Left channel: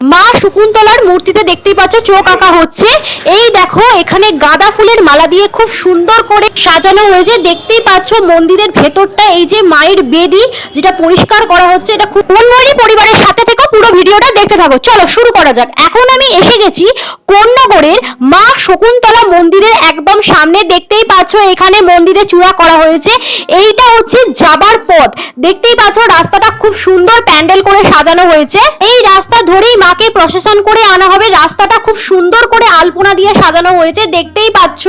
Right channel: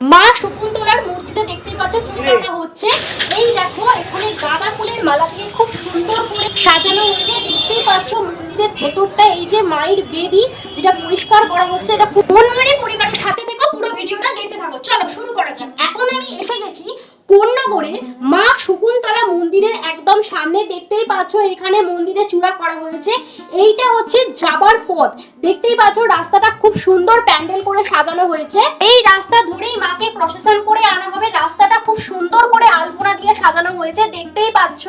মা শকুন্তলার মূর্তিতে দেখতেই পাচ্ছ চোখ আঁকা হচ্ছে। এই দেখো, এখানে গাঁদা ফুলের মালা দিয়ে খুব সুন্দর করে সাজানো হয়েছে। দেখতেই পাচ্ছ মন্দিরের ভেতরটা, এই যে মায়ের বেদি, যেটা পরিষ্কার করা হচ্ছে, এটা খুব মনময়ী পরিবারের সাথে থেকে পুরো ভিডিওটা দেখতে থাকো। চলো, শুরু করা যাক। এখন আমি এসে গেছি কোন্নগরের মা শকুন্তলা মন্দিরের একদম সামনে। দেখতেই পাচ্ছ এখানে মন্দিরে চূড়া করা হয়েছে। এইটা হচ্ছে যাবার পথ। দেখতেই পাচ্ছ রাস্তাটা খুব সুন্দর প্যান্ডেল করে সাজানো হয়েছে। এই রাস্তা ধরেই মাকে প্রসেশন করে আনা হবে। রাস্তাটা খুব সুন্দর করে আলপনা দিয়ে সাজানো হয়েছে, দেখতেই পাচ্ছ।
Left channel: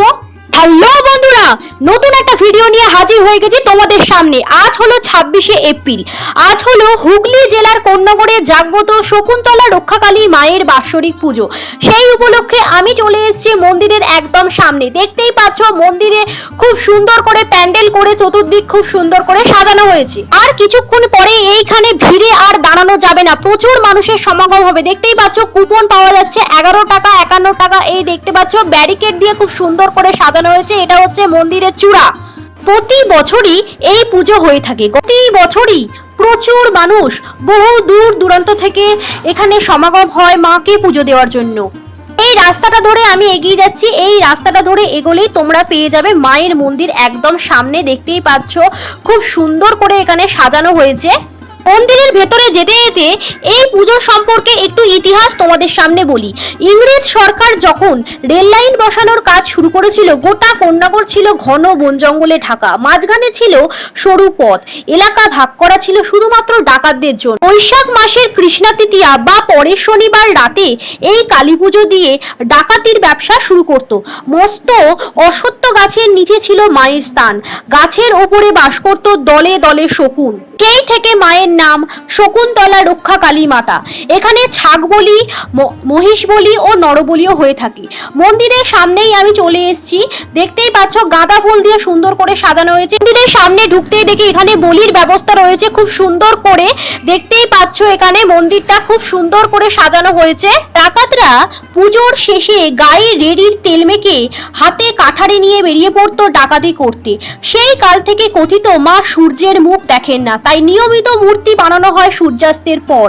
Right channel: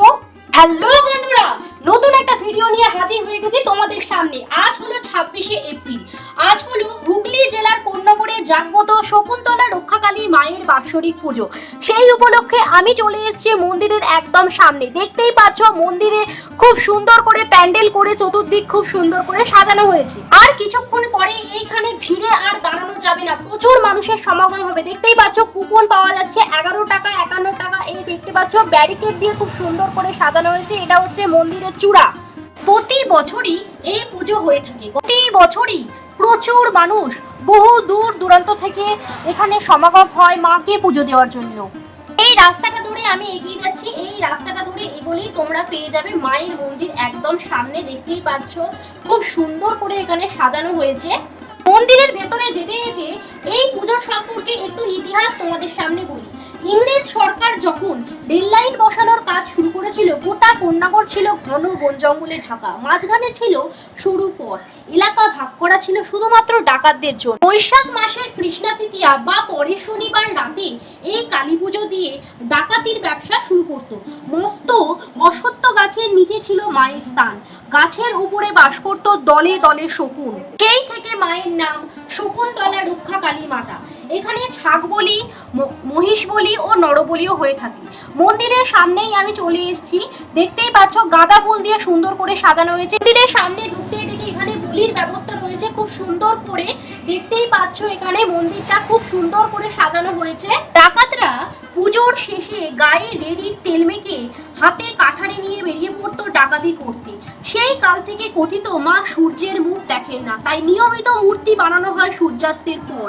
হ্যালো বন্ধুরা, নতুন একটা ভিডিও নিয়ে হাজির হয়ে গেছি তোমাদের সামনে। আজ হলো ছাব্বিশে এপ্রিল। আজ হলো হুগলি জেলার কন্যগড়ে জাগ্রত শকুন্তলা রক্ষাকালী মায়ের বাৎসরিক পুজো। সেই উপলক্ষে আমি চলে এসেছি মন্দিরের একদম সামনে। দেখতেই পাচ্ছ, মন্দিরে খুব সুন্দর করে প্যান্ডেল করে, চতুর্দিক খুব সুন্দর করে সাজানো হয়েছে। আর কিছুক্ষণ পরে এইখানে ভিড়ে আর দাঁড়ানো যাবে না। প্রচুর মানুষের সমাগম হবে। দেখতেই পাচ্ছ, কুপন পাওয়া যাচ্ছে এগারো টাকা, একান্ন টাকা। এই দেখতে পাচ্ছ, ব্যারিকেড দিয়ে খুব সুন্দর করে সাজানো হয়েছে, এটা হচ্ছে মন্দিরের চূড়া। প্রতি বছরই এই পুজো হয়ে থাকে। প্রতি বছরই প্রচুর মানুষ বহু দূর দূরান্ত থেকে এখানে সমাগম হয় মাকে পুজো দেওয়ার জন্য। এই রাস্তাটা ধরে আমি এগিয়ে যাচ্ছি। এই রাস্তাটা ধরে এগোলেই তোমরা পেয়ে যাবে মায়ের মন্দির একদম সামনে। দেখতেই পাচ্ছ, খুব সুন্দর করে এখানে সাজানো হয়েছে। মন্দিরের ভেতরে যেতে যেতে এই পুজো সম্পর্কে একটু ইতিহাস তোমাদের সামনে বলি। ইংরেজ সরকার যখন রেল লাইন বসানোর কাজ শুরু করেছিল, গোটা কন্যাগর ছিল ঘন বন জঙ্গলে ঢাকা। মাঝখানে ছিল সরু পথ। এলাকা ভাগ করা ছিল শুধুমাত্র ডাকাতদের জন্য। বৈশাখ মাসের কৃষ্ণা তৃতীয়া বা পরের শনিবার রাতে এই কালী পুজো দিয়ে ডাকাতির ব্যবসা শুরু করত। মস্ত অসত্য গাছের নিচে ছিল মায়ের স্থান। গাছের ওপরে বাস করত দলে দলে শকুন। সেই থেকে মায়ের নাম শকুন্তলা রক্ষা কালী মাতা। এখানে ছাগ বলি মহিষ বলি ও নরবলিও হয়ে থাকে। মন্দিরের সামনেই আমি চলে এসেছি। দেখতেই পাচ্ছ, গাঁদা ফুল দিয়ে সুন্দর করে সাজানো হয়েছে। মন্দিরের সামনে ঢুকতেই দেখি এখানে বলির ব্যবস্থা রয়েছে। খুব সুন্দর করে দেখতেই পাচ্ছ এখানে মন্দিরটা খুব সুন্দর করে সাজানো হয়েছে। ডাকাতরা পুজোর শেষে গায়ে রেডির তেল মেখে হাতে কাঠারে নিয়ে বেরিয়ে পড়তো ডাকাতি করতে। সেই কাল থেকে কথিত মা সূর্যের মুখ দেখেন না। তাই নিয়মিত মূর্তি বানানো হয় সূর্যাস্তের পর।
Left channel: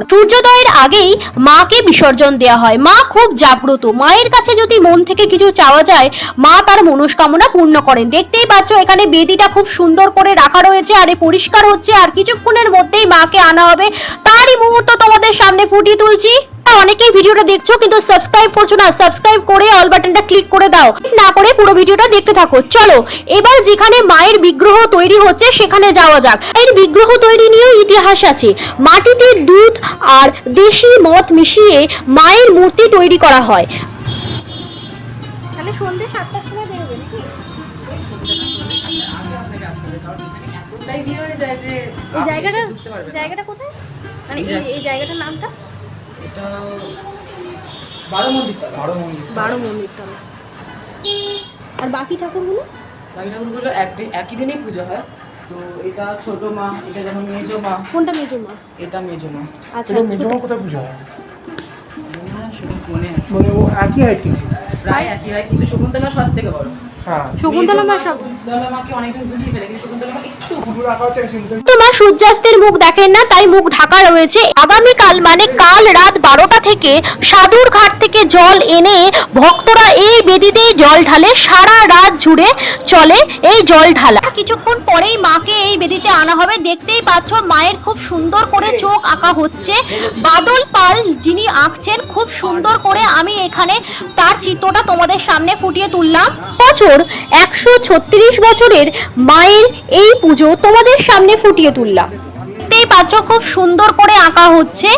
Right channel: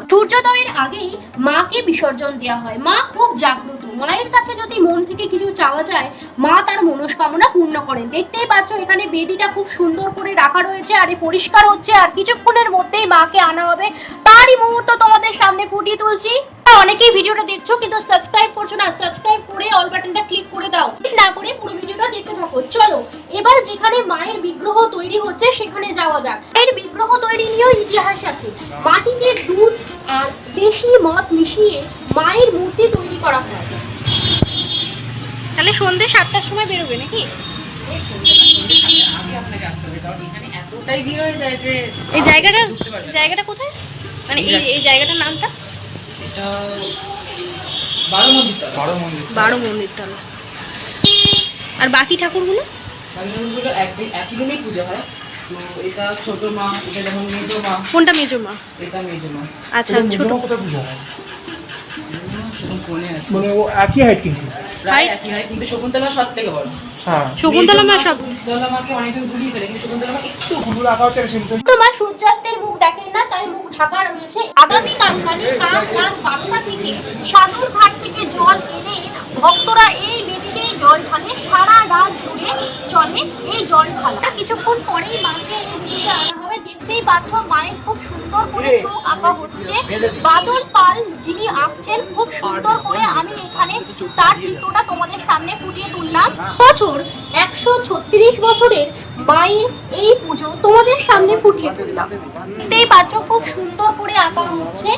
সূর্যোদয়ের আগেই মাকে বিসর্জন দেওয়া হয়। মা খুব জাগ্রত। মায়ের কাছে যদি মন থেকে কিছু চাওয়া যায়, মা তার মনস্কামনা পূর্ণ করেন। দেখতেই পাচ্ছ, এখানে বেদিটা খুব সুন্দর করে রাখা রয়েছে, আর পরিষ্কার হচ্ছে, আর কিছুক্ষণের মধ্যেই মাকে আনা হবে। তারই মুহূর্ত তোমাদের সামনে ফুটিয়ে তুলছি। অনেকেই ভিডিওটা দেখছ কিন্তু সাবস্ক্রাইব করছ না সাবস্ক্রাইব করে অল বাটনটা ক্লিক করে দাও। না করে পুরো ভিডিওটা দেখতে থাকো। চলো এবার যেখানে মায়ের বিগ্রহ তৈরি হচ্ছে সেখানে যাওয়া যাক। এর বিগ্রহ তৈরি নিয়েও ইতিহাস আছে। মাটিতে দুধ আর দেশি মদ মিশিয়ে মায়ের মূর্তি তৈরি করা হয়। তাহলে সন্ধ্যে সাতটার সময় বেরোবে নাকি? এতটাই ভিড় হয়ে যায় যে এই জায়গাটা। জায়গাটা কোথায়? মানে এই এই জায়গাটার নামটা? এটা বারো মন্দির বারো মন্দির বারো মন্দির তলা আর বাকি ঠাকুরগুলো? মন্দিরগুলো একদিন একই দিনেই পুজো হয়। তো এটা ছোট মা এটা যেমন মেজো মা কোনটা মেজো মা? এটা মেজো মা। আচ্ছা ছোট। কোথায় পুজো হয়? মানে ও একই হাইট কিন্তু। প্রায় একই হয় কিন্তু শকুন্তলা সব থেকে বড়। হ্যাঁ। তোমার সূর্যাস্তের মুখ দেখেন না তাই মুখ ঢাকা রয়েছে। আগামীকাল মানে কাল রাত বারোটা থেকে সাধুর ঘাট থেকে জল এনে ভক্তরা এই বেদিতেই জল ঢালে সারা রাত জুড়ে চলে এই জল ঢালা। কিছুক্ষণ পরেই মাকে এই বেদিতে আনা হবে। দেখতেই পাচ্ছ মায়ের খুব সুন্দর করে চোখ আঁকা হচ্ছে। বাদল পাল যিনি আঁকছেন খুব সুন্দর করে আমি এখানে তার চিত্রটা তোমাদের সামনে ফুটিয়ে তুললাম। বছর একশো ছত্রিশ বছরের মায়ের এই পুজো তোমাদের সামনে ফুটিয়ে তুললাম। দেখতেই পাচ্ছ, খুব সুন্দর করে আঁকা হচ্ছে।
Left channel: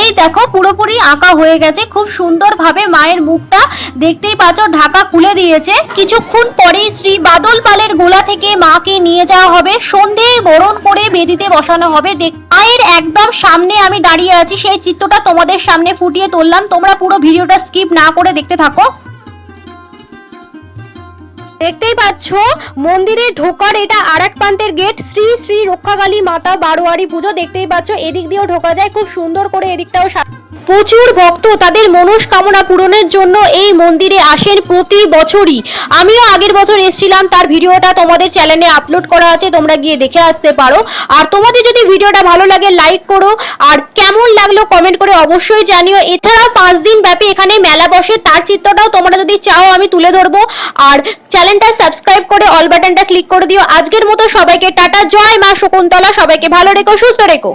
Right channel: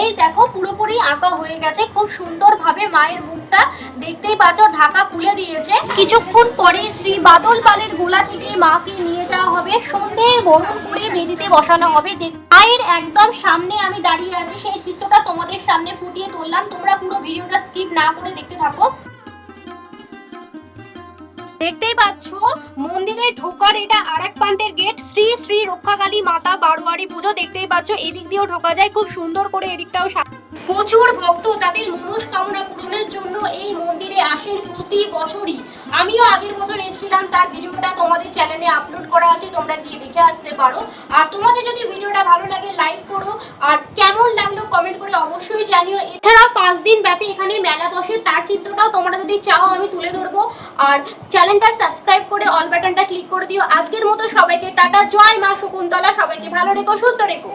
এই দেখো, পুরোপুরি আঁকা হয়ে গেছে। খুব সুন্দরভাবে মায়ের মুখটা দেখতেই পাচ্ছ, ঢাকা খুলে দিয়েছে। কিছুক্ষণ পরেই শ্রী বাদল পালের গোলা থেকে মাকে নিয়ে যাওয়া হবে। সন্ধে বরণ করে বেদিতে বসানো হবে। মায়ের একদম সামনে আমি দাঁড়িয়ে আছি। সেই চিত্রটা তোমাদের সামনে ফুটিয়ে তুললাম। তোমরা পুরো ভিডিওটা স্কিপ না করে দেখতে থাকো। দেখতেই পাচ্ছ মন্দিরে ঢোকার এটা আর এক প্রান্তের গেট। শ্রী শ্রী রক্ষাকালী মাতা বারোয়ারি পুজো দেখতেই পাচ্ছ, এদিক দিয়েও ঢোকা যায়, খুব সুন্দর করে এদিকটাও প্রচুর ভক্ত তাদের মনস্কামনা পূরণের জন্য এই মন্দিরে আসেন প্রতি বছরই। আমিও আগের বছর এসেছিলাম, তার ভিডিওটা তোমাদের চ্যানেলে আপলোড করা আছে, তোমরা গিয়ে দেখে আসতে পারো। আর তোমাদের যদি ভিডিওটা ভালো লাগে লাইক করো। আর কেমন লাগল কমেন্ট করে অবশ্যই জানিও। এছাড়াও পাঁচ দিন ব্যাপী এখানে মেলা বসে, তার চিত্রটাও তোমরা যদি চাও আমি তুলে ধরবো। আর চ্যানেলটা সাবস্ক্রাইব করে অল বাটনটা ক্লিক করে দিও। আজকের মতো সবাইকে টাটা, জয় মা শকুন্তলা, সবাইকে ভালো রেখো, সুস্থ রেখো।